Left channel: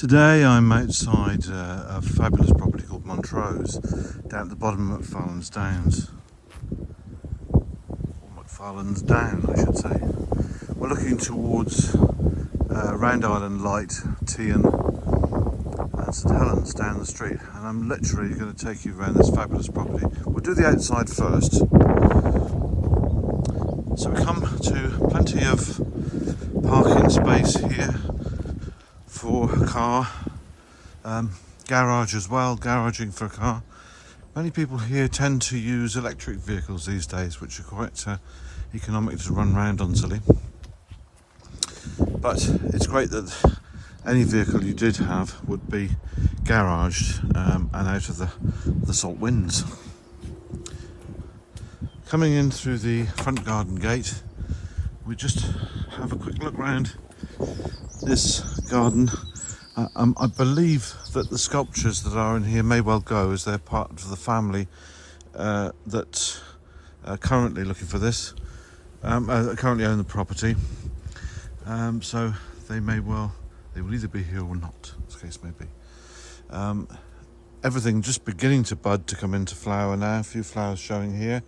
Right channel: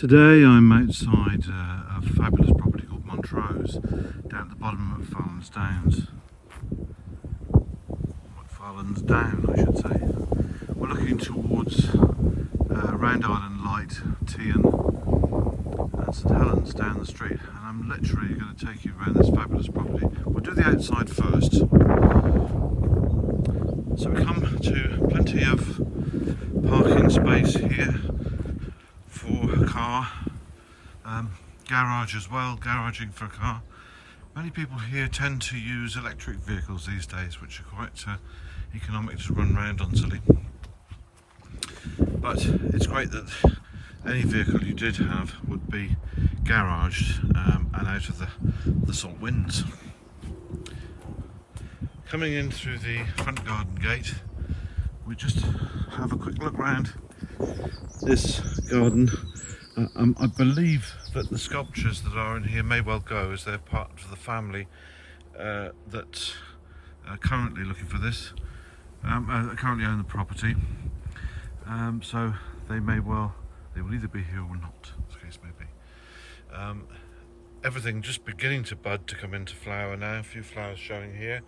Today I'm outside a fabulous property called Montrose, down at the bottom of McFarlane's Downs. Or McFarlane's Down, I should say. We're looking towards Round Island Light, Tean and St Helens down the street, and I'm literally going to take you around this fabulous property. We'll do the outside first. So we come to plenty of parking space here for a car, garage as well, garaging for a car. Many people here tend to use electric vehicles these days, which are quite economic to run around on Scilly. But it's great that any vehicle you did have would be garaged and out of the salt winds. Coming in through the front garden gate, we just have a quick look round this garden. I believe that the sculptures that are in here may well go, as they're part of the family that are currently looking for this, currently own the property. So they will either be here or not, as the case may be. Everything just beginning to bud, to come into flower now, a few flowers showing here.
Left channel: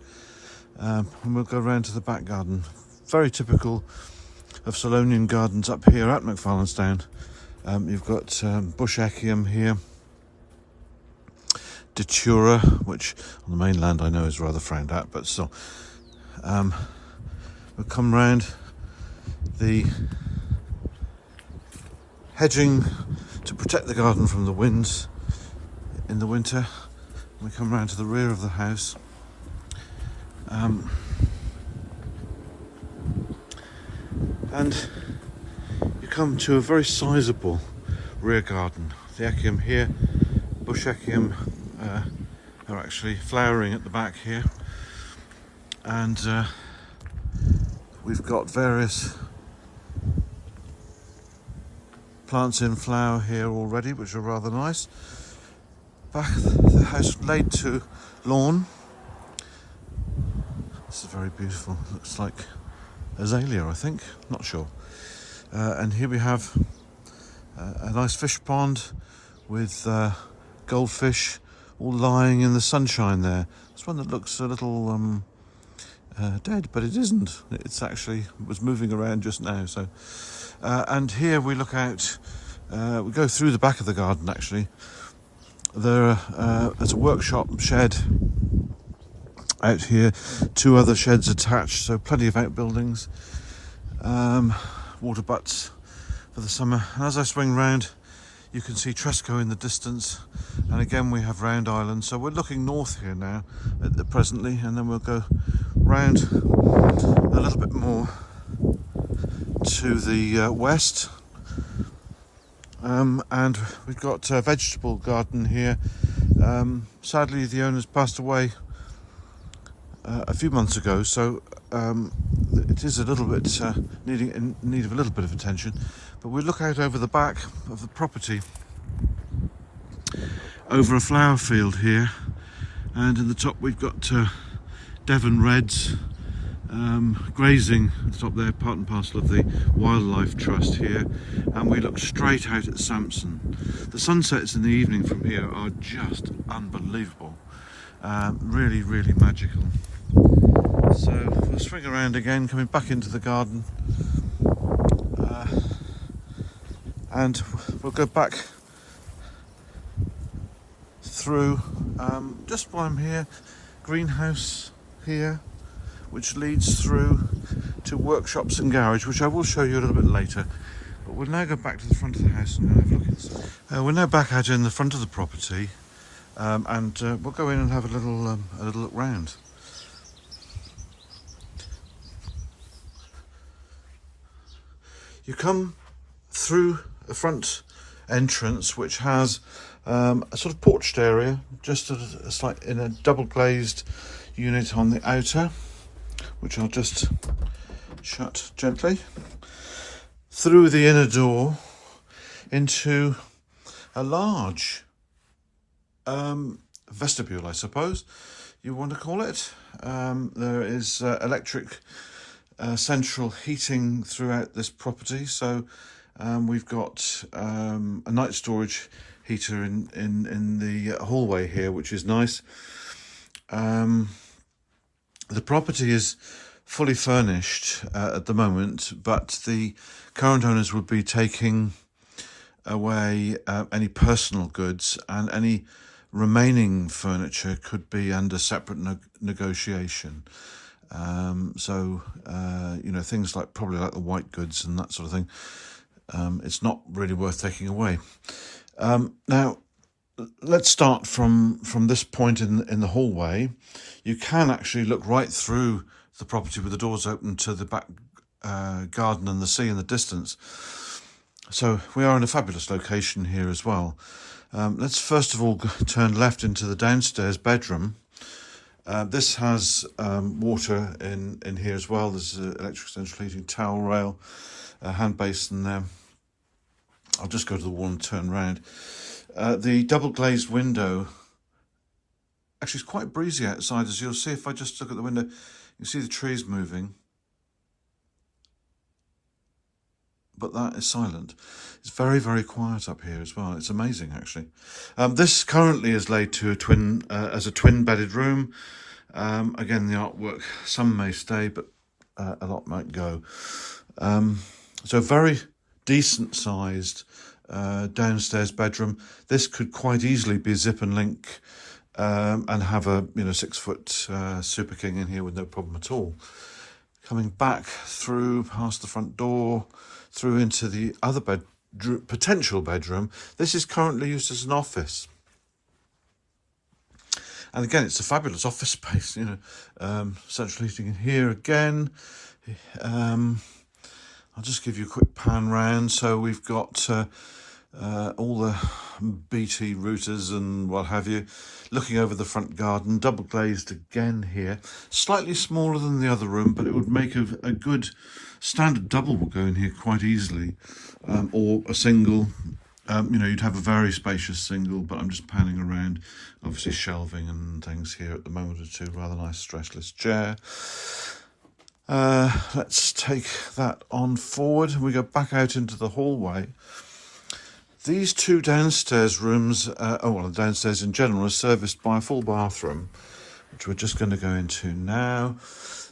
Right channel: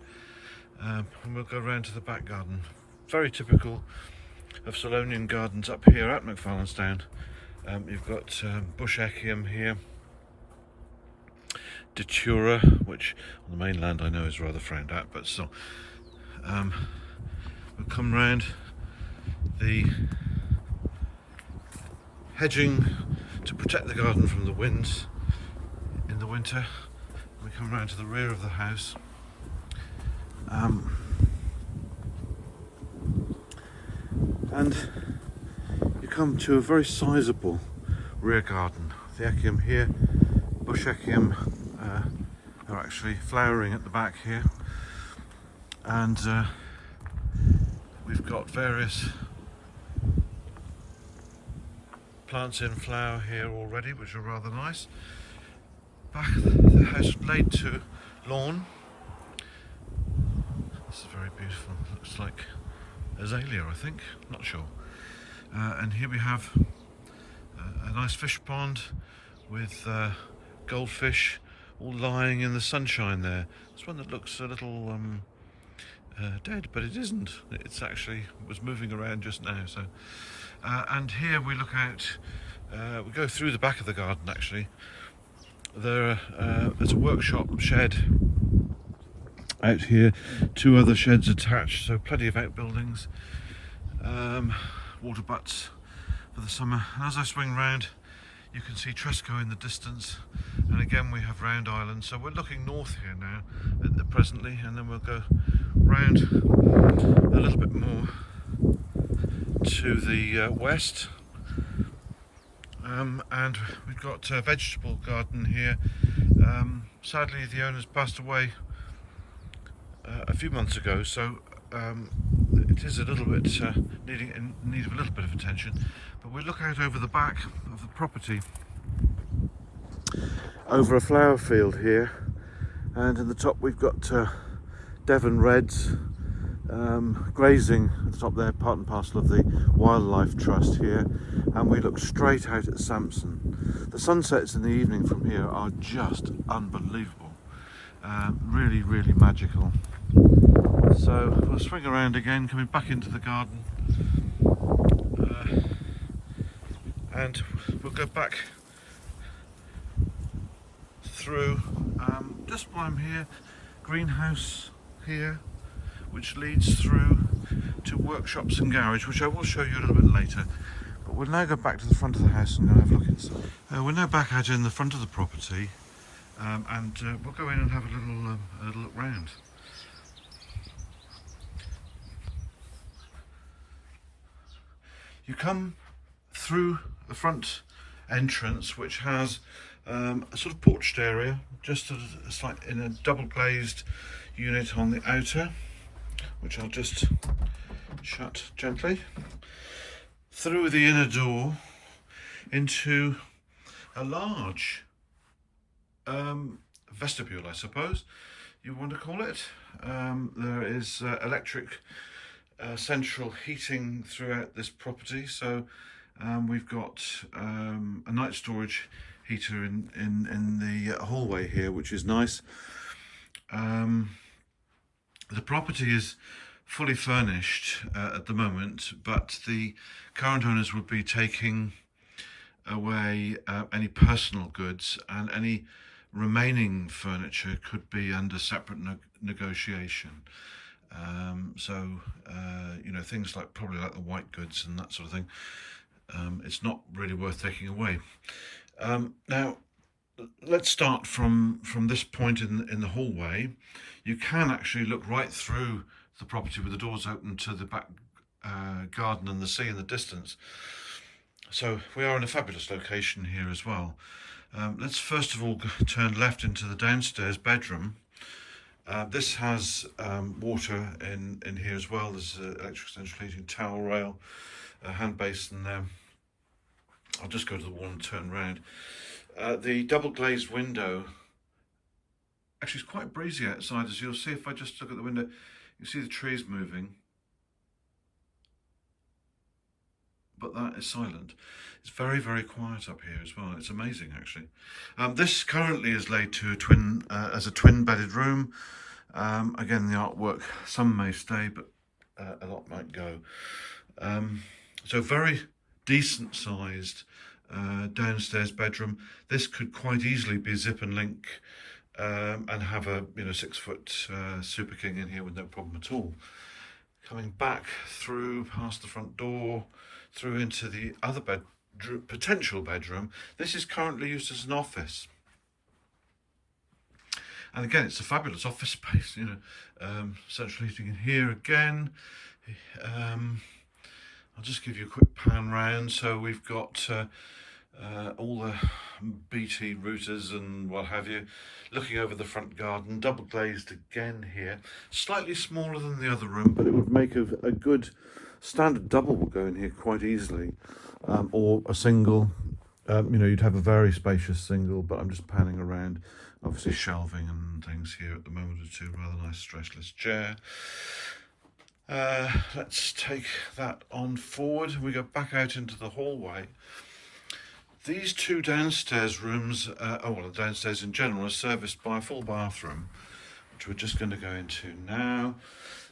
And we'll go around to the back garden. Very typical of Solonian gardens up here at McFarlane's Down. You've got bush echium here, datura, which on the mainland I know is rather frowned at, but still. We'll come round the hedging to protect the garden from the winds in the winter. And we come round to the rear of the house. And you come to a very sizable rear garden. The echium here, bush echium, are actually flowering at the back here, and we've got various plants in flower here already, which are rather nice. Back of the house laid to lawn. This is very beautiful. It looks like azalea, I think, not sure. And here we have a nice fish pond with goldfish all lying in the sunshine there. It's one that looks a little dead, but it isn't. It's actually, it was moving around just now. So, and here we look out, we go through the back of the garden actually. There's a workshop shed out here, two other sheds attached, so plenty of outbuildings, water butts for the summer. And as I swing round, you can see Tresco in the distance, and again we have Round Island. So we're looking north here now presently, and then we'll go round a little bit more to the west, and we've got a vegetable garden here. Sadly the owners passed away a few months ago, so it is a little bit in need of a little bit of attention. But we look out over the back of the property over a flower field here, and in the top we've got Devon Reds grazing at the top there, part and parcel of the Wildlife Trust here, and we look straight out at Sampson. The sunsets in the evening from here are just unbelievable. Really, really magical. So we'll swing around again, coming back into the garden, and we'll go back through, just while I'm here, greenhouse here, which leads through to workshops and garage, which I will show you a little bit later. But we'll now go back to the front of the house and go have a look inside. We're now back out in the front of the property. And we'll go in and have a little look round. You come through a front entrance which has a sort of porched area, just in a double glazed unit on the outer, which I'll just shut gently. Through the inner door into a large vestibule, I suppose you want to call it. There is electric central heating throughout this property, so We've got a night storage heater in the hallway here, which is nice. The property is fully furnished at the moment, but the current owners would be taking away any personal goods, and any remaining furniture could be under separate negotiation. So you know, things like probably like the white goods and that sort of thing, it's not really worth taking away. Now let's start from this point in the hallway. You can actually look right through the property with the doors open to the back garden and the sea in the distance. So we are in a fabulous location here as well. Let's first of all turn left into the downstairs bedroom. This has water in here as well. There's electric central heating, towel rail, hand basin there. I'll just go to the wall and turn round. The double glazed window, actually it's quite breezy outside, as you'll see if I just look at the window. You see the trees moving, but that is silent. It's very, very quiet up here as well. It's amazing, actually. This currently is laid to a twin as a twin-bedded room. Again, the artwork, some may stay, but a lot might go. So very decent-sized downstairs bedroom. This could quite easily be zip and link and have a 6-foot Super King in here with no problem at all. Coming back through past the front door, through into the other potential bedroom. This is currently used as an office. And again, it's a fabulous office space, central heating in here again. I'll just give you a quick pan round. So we've got all the BT routers and what have you, looking over the front garden, double glazed again here. Slightly smaller than the other room, but it would make a good standard double will go in here quite easily, or a single. You'd have a very spacious single, but I'm just panning around. Obviously shelving and things here at the moment or two. Rather nice stressless chair. Let's take that on forward. We go back out into the hallway. These two downstairs rooms, downstairs in general, are serviced by a full bathroom, which we're just going to go into now.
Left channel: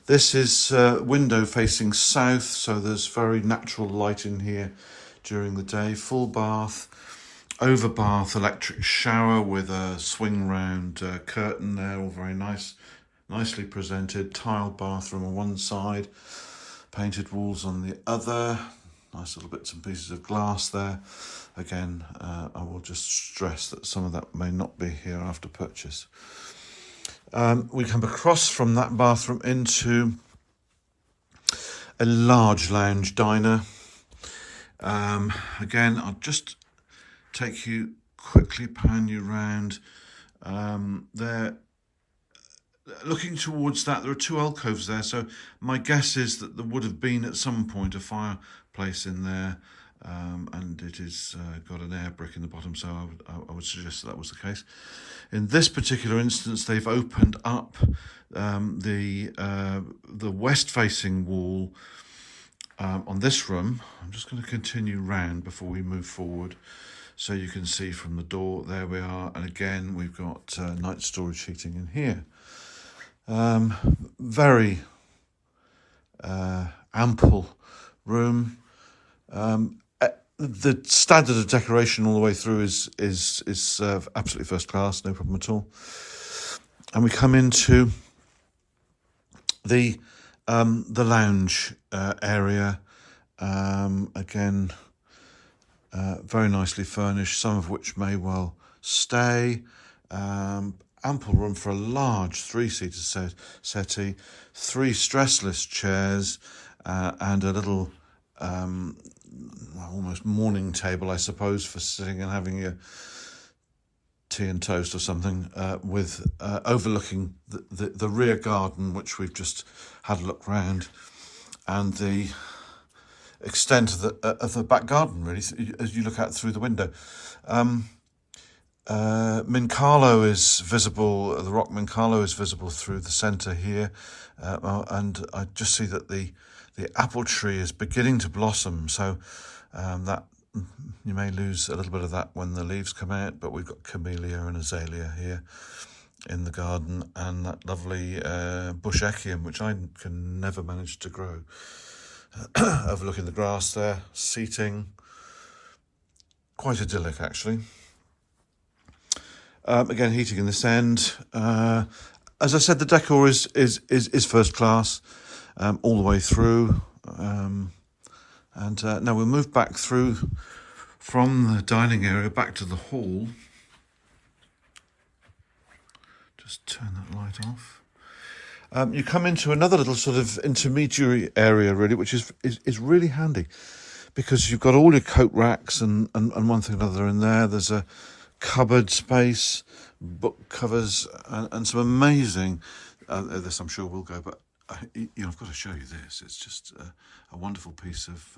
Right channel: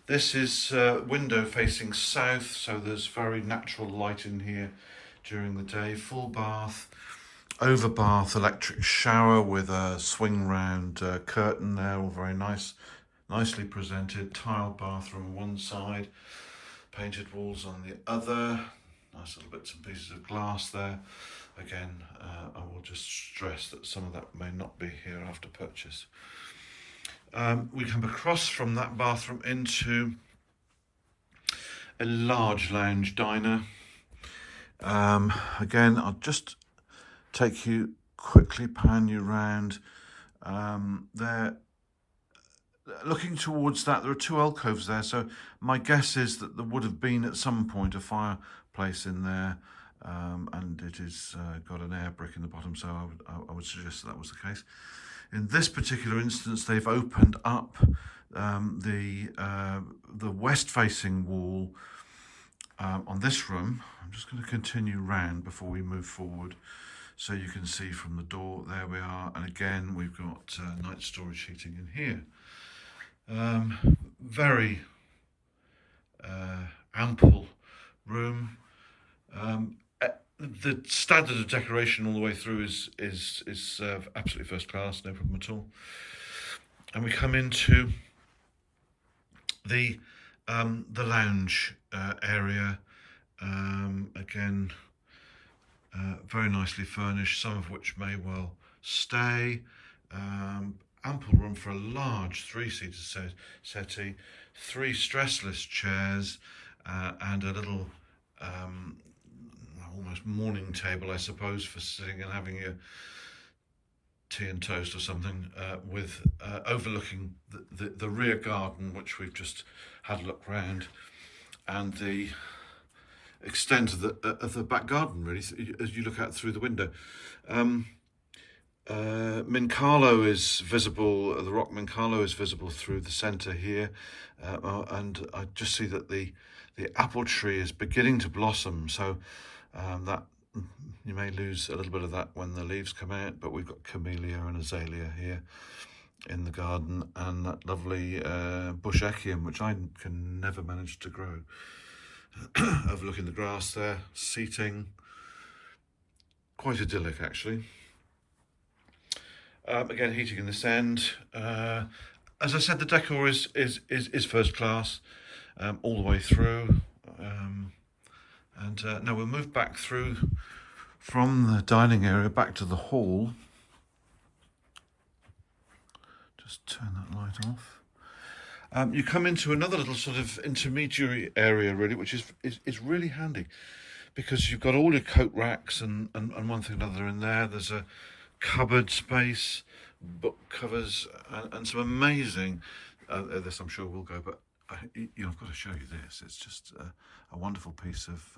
This is window facing south, so there's very natural light in here during the day. Full bath, over bath, electric shower with a swing round curtain there, all very nice, nicely presented. Tiled bathroom on one side, painted walls on the other. Nice little bits and pieces of glass there. Again, I will just stress that some of that may not be here after purchase. We come across from that bathroom into a large lounge diner. Again, I'll just take you quickly, pan you round. There, looking towards that, there are two alcoves there. So my guess is that there would have been at some point a fireplace in there. And it is got an air brick in the bottom, so I would suggest that was the case. In this particular instance, they've opened up the west-facing wall on this room. I'm just going to continue round before we move forward, so you can see from the door. There we are, and again we've got night storage heating in here. Very ample room. The standard of decoration all the way through is absolutely first class, no problem at all. And we come into the lounge area. Again, very nicely furnished, some of which may well stay. Ample room for a large 3-seater settee, 3 stressless chairs, and a little almost morning table, I suppose, for sitting and having your tea and toast or something, with overlooking the rear garden, which we've just had a look round, and the extent of the back garden, really, as you look out through the window. Mincarlo is visible, the rock Mincarlo is visible through the centre here, and I just see that the apple tree is beginning to blossom, so That you may lose a little bit of that when the leaves come out, but we've got camellia and azalea here in the garden, and that lovely bush echium, which I can never manage to grow. Overlooking the grass there, seating, quite idyllic actually. Again, heating in this end. As I said, the decor is first class all the way through. Now we'll move back through from the dining area back to the hall. Just turn that light off. You come into another little sort of intermediary area, really, which is really handy, because you've got all your coat racks and one thing or another in there. There's a cupboard space, book covers, and some amazing, this I'm sure will go, but I've got to show you this. It's just a wonderful piece of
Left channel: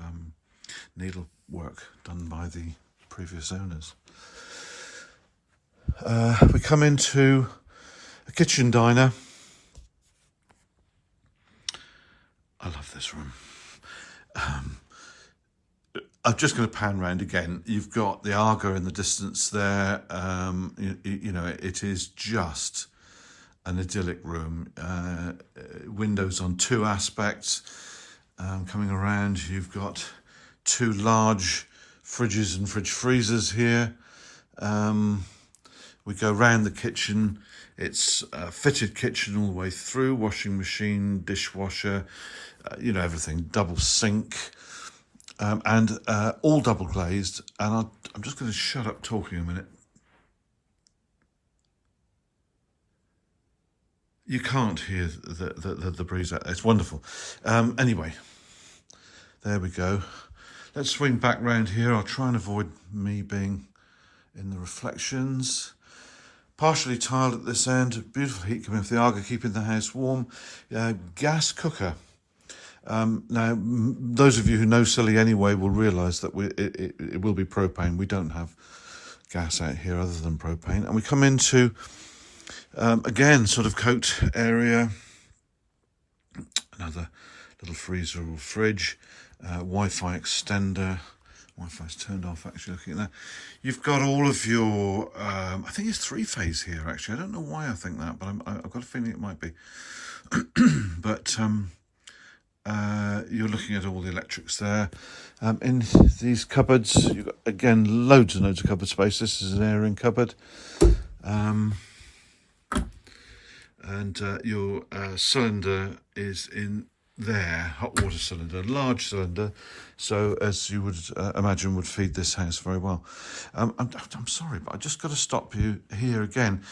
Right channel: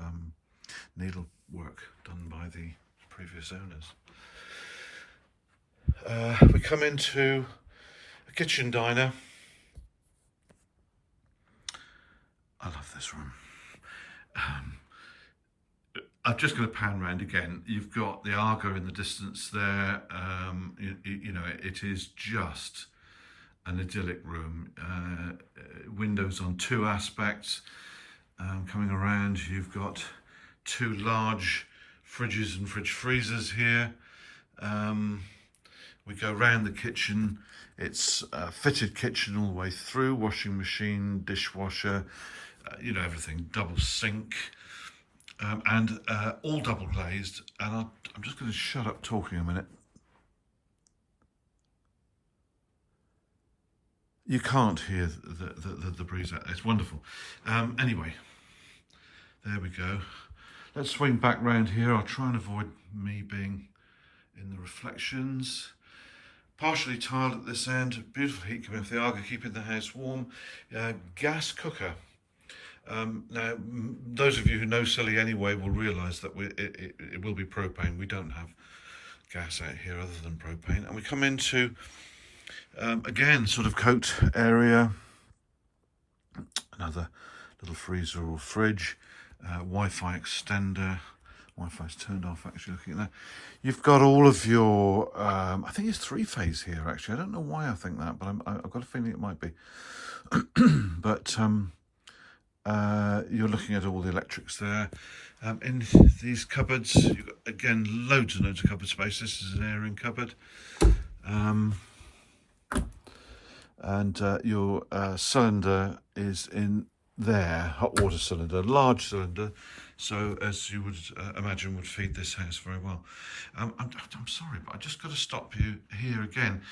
needlework done by the previous owners. We come into a kitchen diner. I love this room. I'm just going to pan round again. You've got the Arga in the distance there. It is just an idyllic room. Windows on two aspects. Coming around, you've got two large fridges and fridge freezers here. We go round the kitchen. It's a fitted kitchen all the way through, washing machine, dishwasher, everything, double sink, and all double glazed. And I'm just going to shut up talking a minute. You can't hear the breeze out there. It's wonderful. Anyway, there we go. Let's swing back round here. I'll try and avoid me being in the reflections. Partially tiled at this end. Beautiful heat coming off the Arga, keeping the house warm. Gas cooker. Now, those of you who know Scilly anyway will realise that it will be propane. We don't have gas out here other than propane. And we come into, again, sort of coat area. Another little freezer or fridge. Wi-Fi extender. Wi-Fi's turned off, actually, looking at that. You've got all of your, I think it's three-phase here, actually. I don't know why I think that, but I've got a feeling it might be. But you're looking at all the electrics there. In these cupboards, you've got, again, loads and loads of cupboard space. This is an airing cupboard. Your cylinder is in there, hot water cylinder, large cylinder, so as you would imagine would feed this house very well. I'm sorry, but I just got to stop you here again.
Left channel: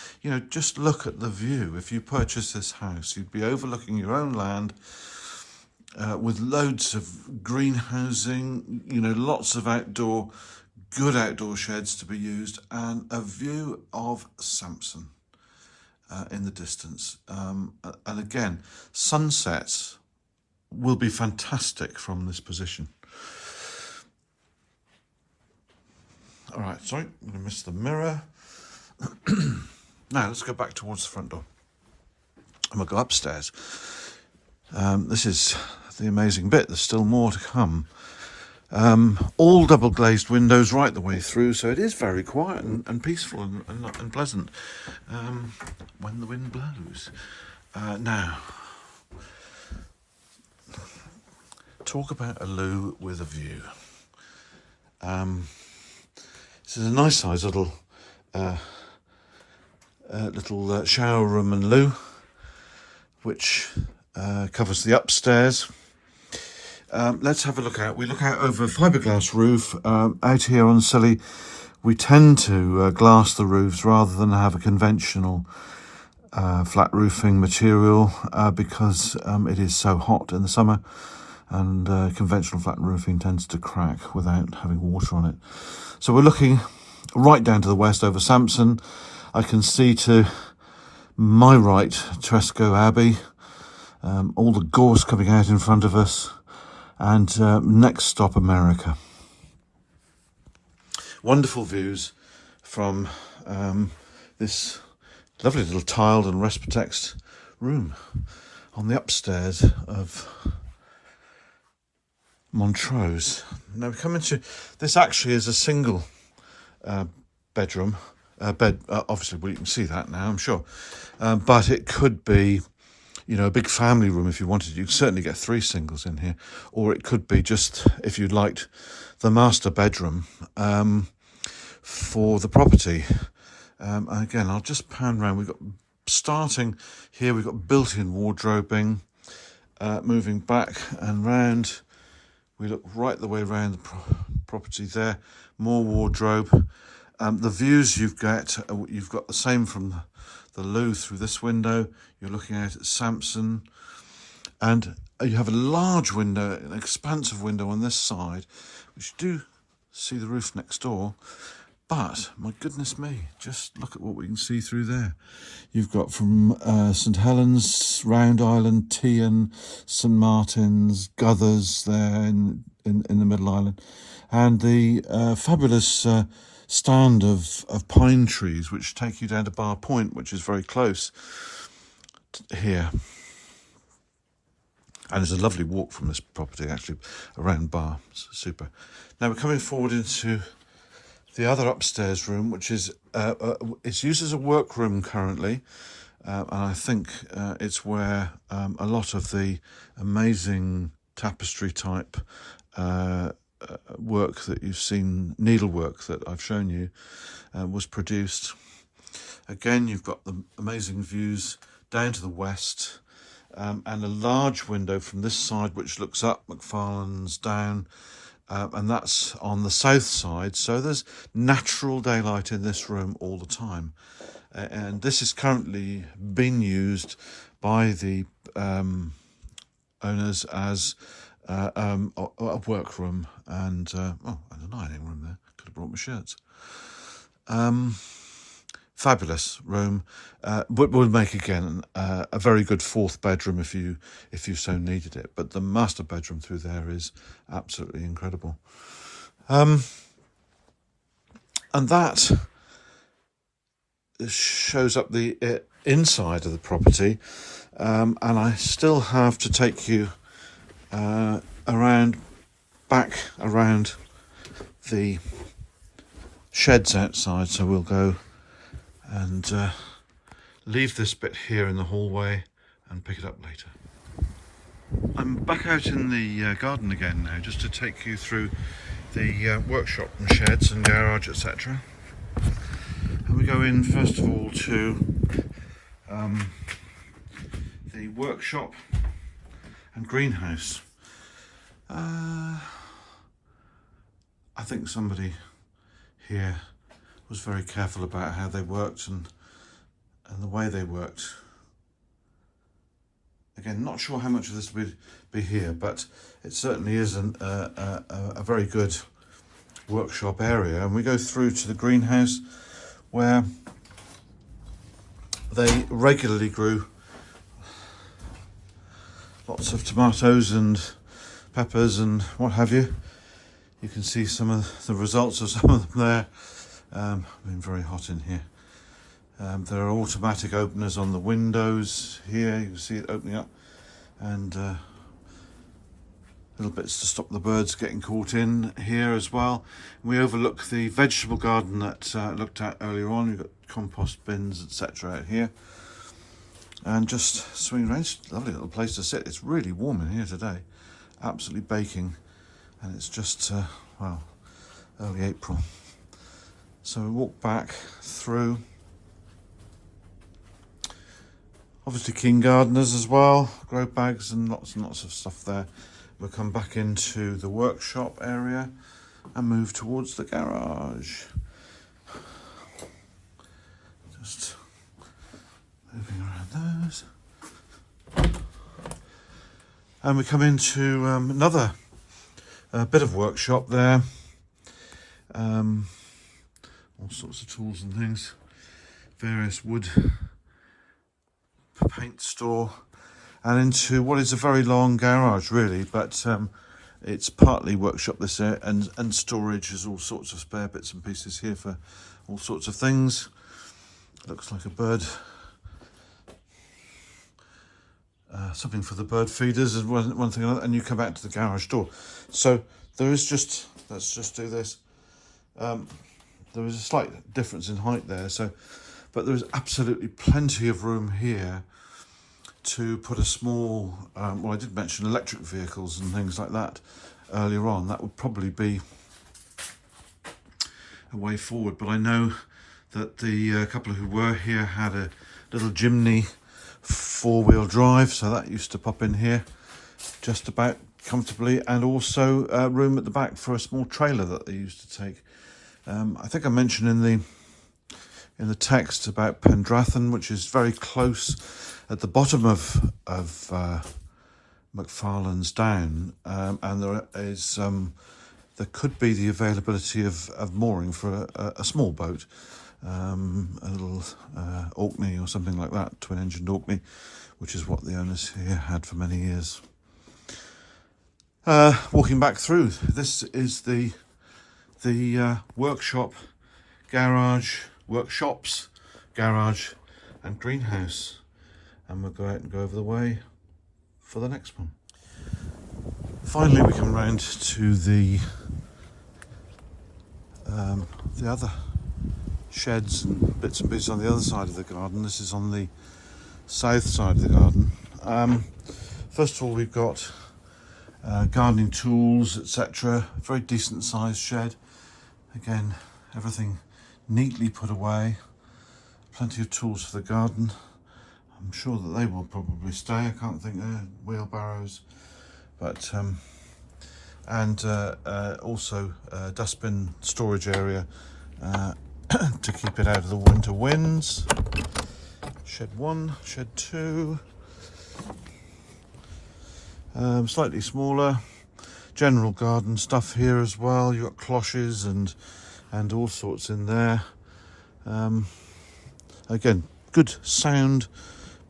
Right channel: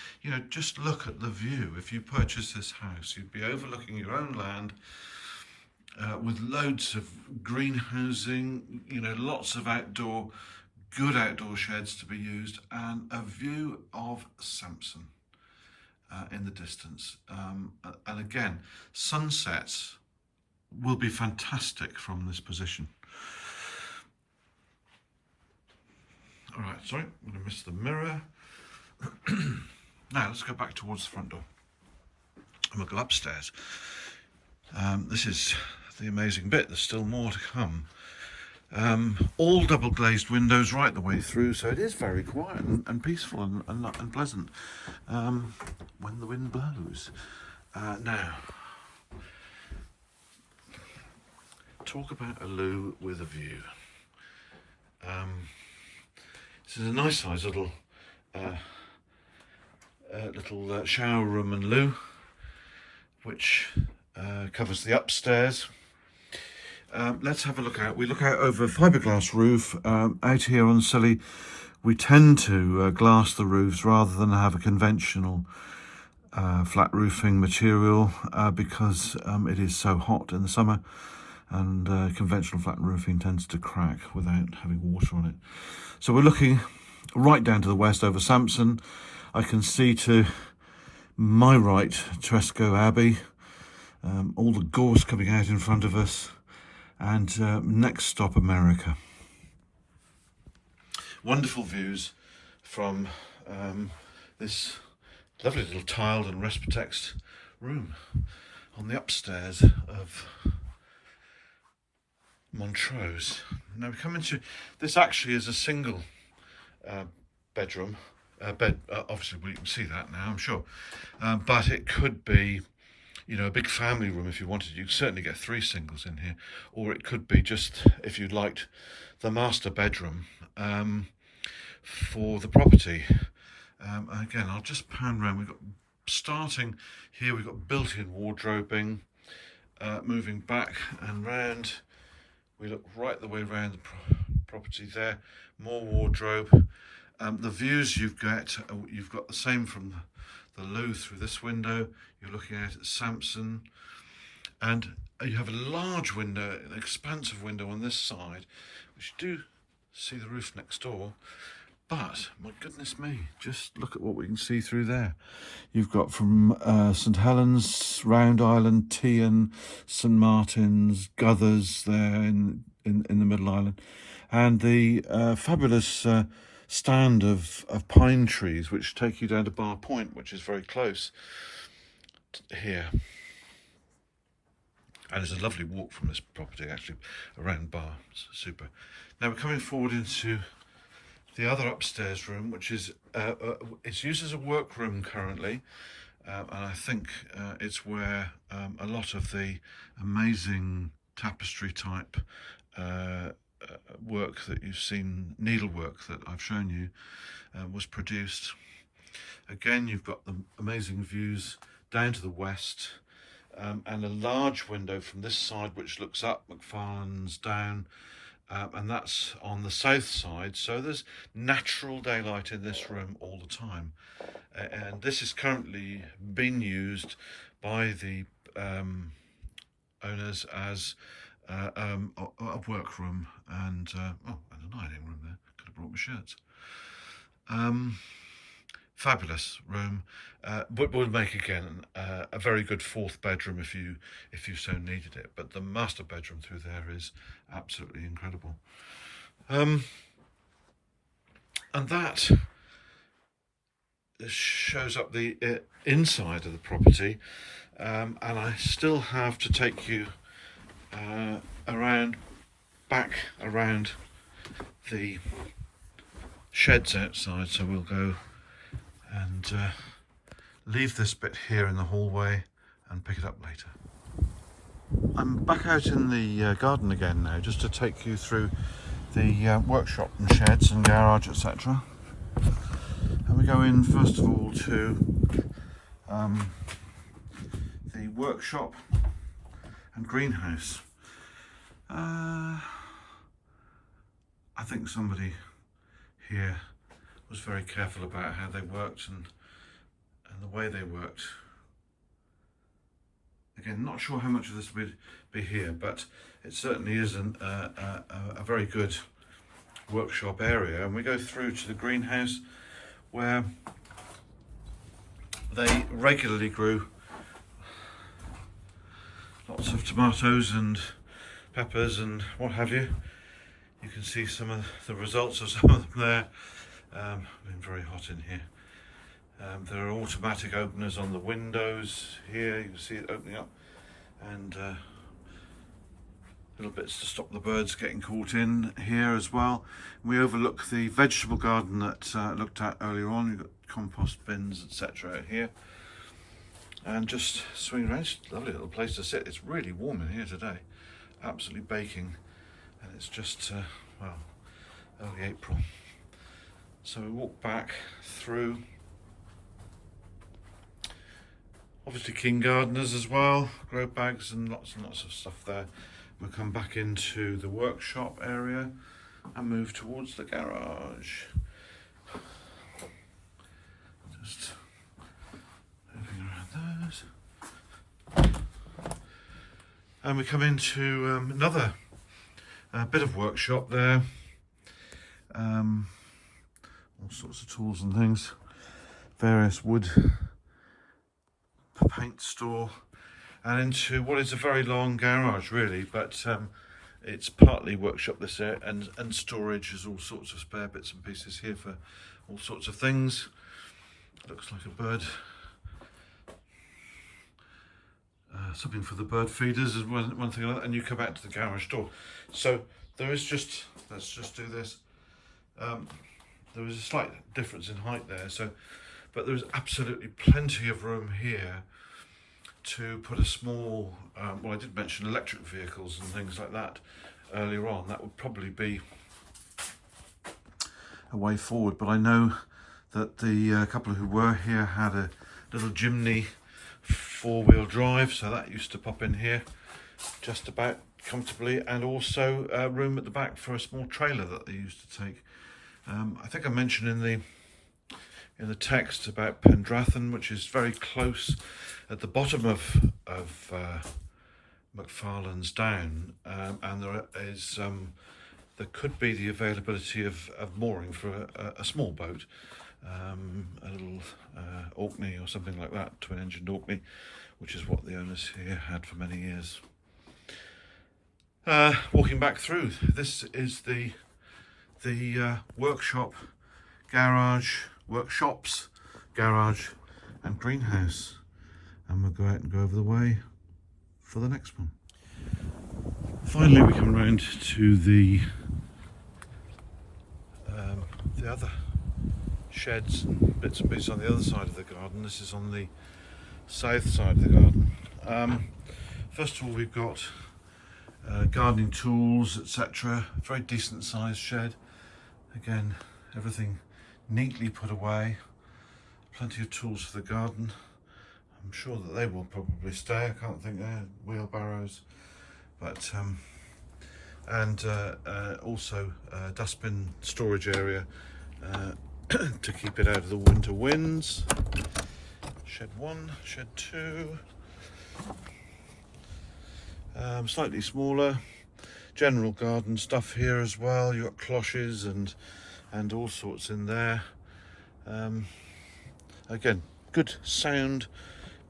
Just look at the view. If you purchase this house, you'd be overlooking your own land, with loads of greenhousing, lots of good outdoor sheds to be used, and a view of Sampson in the distance. And again, sunsets will be fantastic from this position. All right, sorry, I'm going to miss the mirror. Now, let's go back towards the front door. And we'll go upstairs. This is the amazing bit. There's still more to come. All double glazed windows right the way through, so it is very quiet and peaceful and pleasant when the wind blows. Now, talk about a loo with a view. This is a nice size little shower room and loo, which covers the upstairs. Let's have a look out. We look out over a fiberglass roof. Out here on Scilly, we tend to glass the roofs rather than have a conventional flat roofing material because it is so hot in the summer, and conventional flat roofing tends to crack without having water on it. So we're looking right down to the west over Sampson. I can see to my right Tresco Abbey, all the gorse coming out in front of us, and next stop America. Wonderful views from this lovely little tiled and Respatex room on the upstairs of Montrose. Now we come into, this actually is a single bedroom, bed, obviously well, you can see that now, I'm sure, but it could be, you know, a big family room if you wanted. You could certainly get 3 singles in here, or it could be just, if you liked, the master bedroom for the property. Again, I'll just pan around. We've got, starting here, we've got built-in wardrobing, moving back and round. We look right the way around the property there, more wardrobe. The views you've got the same from the loo through this window. You're looking out at Sampson, and you have a large window, an expansive window on this side, which you do see the roof next door. But my goodness me, just look at what we can see through there. You've got from St Helens, Round Island, Tean, St Martin's, Guthers there in the Middle Island, and the fabulous stand of pine trees which take you down to Bar Point, which is very close here. And it's a lovely walk from this property actually around Bar. It's super. Now we're coming forward into the other upstairs room, which is it's used as a workroom currently, and I think it's where a lot of the amazing tapestry type work that you've seen, needlework that I've shown you, was produced. Again, you've got the amazing views down to the west, and a large window from this side which looks up McFarlane's down. And that's on the south side, so there's natural daylight in this room all the time. And this is currently being used by the owners as a workroom and a dining room there. Could have brought my shirts. Fabulous room. Would make again a very good 4th bedroom if you so needed it. But the master bedroom through there is absolutely incredible. And that shows up the inside of the property. And I still have to take you back around the sheds outside. So we'll go and leave this bit here in the hallway and pick it up later. I'm back out in the garden again now, just to take you through the workshop and sheds and garage, etc. And we go in first of all to the workshop and greenhouse. I think somebody here was very careful about how they worked and the way they worked. Again, not sure how much of this will be here, but it certainly is a very good workshop area. And we go through to the greenhouse where they regularly grew lots of tomatoes and peppers and what have you. You can see some of the results of some of them there. Been very hot in here. There are automatic openers on the windows here. You can see it opening up, and little bits to stop the birds getting caught in here as well. We overlook the vegetable garden that looked at earlier on. You've got compost bins, etc. out here, and just swing around. It's a lovely little place to sit. It's really warm in here today, absolutely baking, and it's just well, early April. So we walk back through. Obviously keen gardeners as well, grow bags and lots of stuff there. We'll come back into the workshop area and move towards the garage. Just moving around those. And we come into another bit of workshop there. All sorts of tools and things, various wood, paint store, and into what is a very long garage really, but it's partly workshop this area and storage. There's all sorts of spare bits and pieces here for all sorts of things. Looks like a bird something for the bird feeders is one thing, and you come back to the garage door. So there is just, let's just do this. There is a slight difference in height there, but there is absolutely plenty of room here to put a small, well, I did mention electric vehicles and things like that earlier on. That would probably be a way forward, but I know that the couple who were here had a little Jimny 4-wheel drive, so that used to pop in here just about comfortably, and also room at the back for a small trailer that they used to take. I think I mentioned in the text about Pendrathon, which is very close at the bottom of McFarlane's Down, and there could be the availability of mooring for a small boat, a little Orkney or something like that, twin-engined Orkney, which is what the owners here had for many years. Walking back through, this is the workshops, garage and greenhouse, and we'll go out and go over the way for the next one. Finally, we come round to the other sheds and bits and pieces on the other side of the garden. This is on the south side of the garden. First of all, we've got gardening tools, etc. Very decent sized shed. Again, everything neatly put away. Plenty of tools for the garden. I'm sure that they will probably stay. I can't think they're wheelbarrows, but and also dustbin storage area to keep it out of the winter winds. Shed 1, shed 2. Slightly smaller. General garden stuff here as well. You've got cloches and all sorts in there. Again, good sound,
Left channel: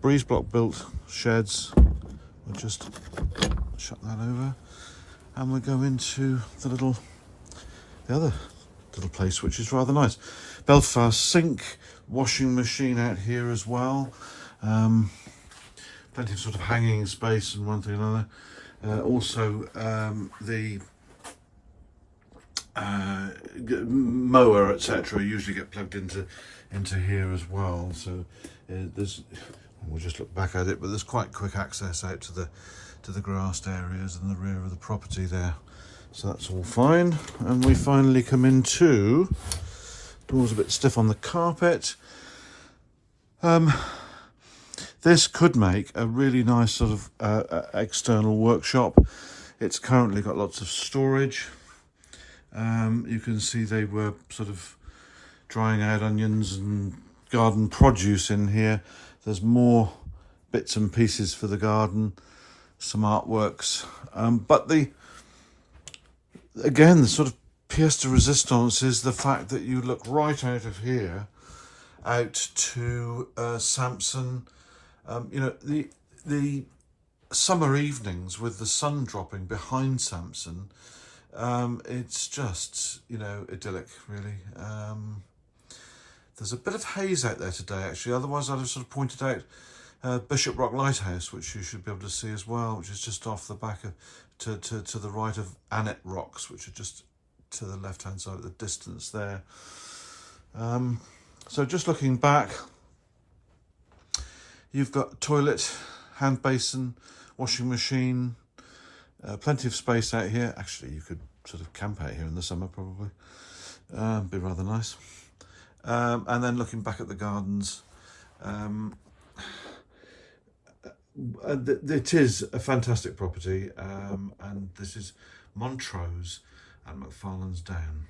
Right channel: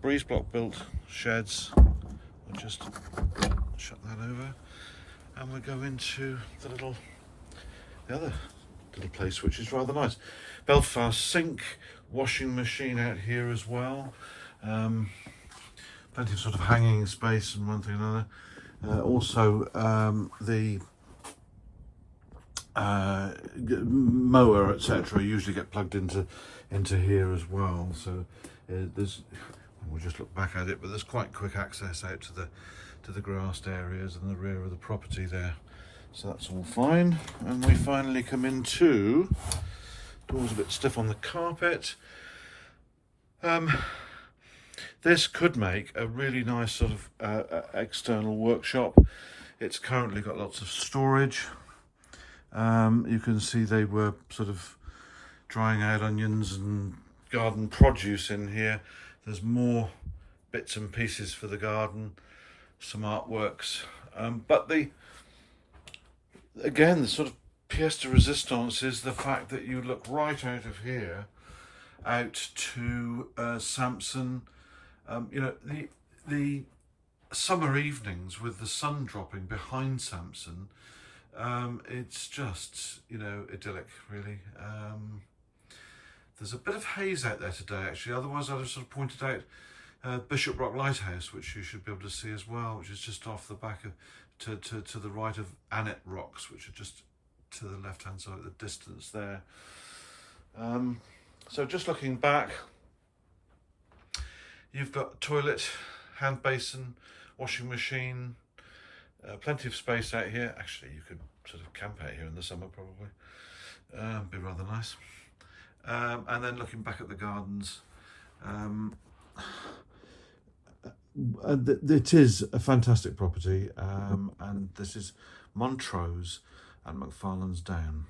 breeze block built sheds. We'll just shut that over, and we'll go into the other little place, which is rather nice. Belfast sink, washing machine out here as well. Plenty of sort of hanging space and one thing and another. Also, the mower, etc., usually get plugged into here as well. So there's, we'll just look back at it, but there's quite quick access out to the grassed areas and the rear of the property there. So that's all fine. And we finally come into, door's a bit stiff on the carpet. This could make a really nice sort of external workshop. It's currently got lots of storage. You can see they were sort of drying out onions and garden produce in here. There's more bits and pieces for the garden, some artworks. But again, the sort of pièce de résistance is the fact that you look right out of here out to Sampson. You know, the summer evenings with the sun dropping behind Sampson, it's just, you know, idyllic, really. There's a bit of haze out there today, actually. Otherwise, I'd have sort of pointed out Bishop Rock Lighthouse, which you should be able to see as well, which is just off the back of, to the right of Annett Rocks, which are just to the left-hand side of the distance there. So just looking back, you've got toilet, hand basin, washing machine, plenty of space out here. Actually, you could sort of camp out here in the summer, probably. Be rather nice. And then looking back at the gardens, it is a fantastic property, and this is Montrose and McFarlane's Down.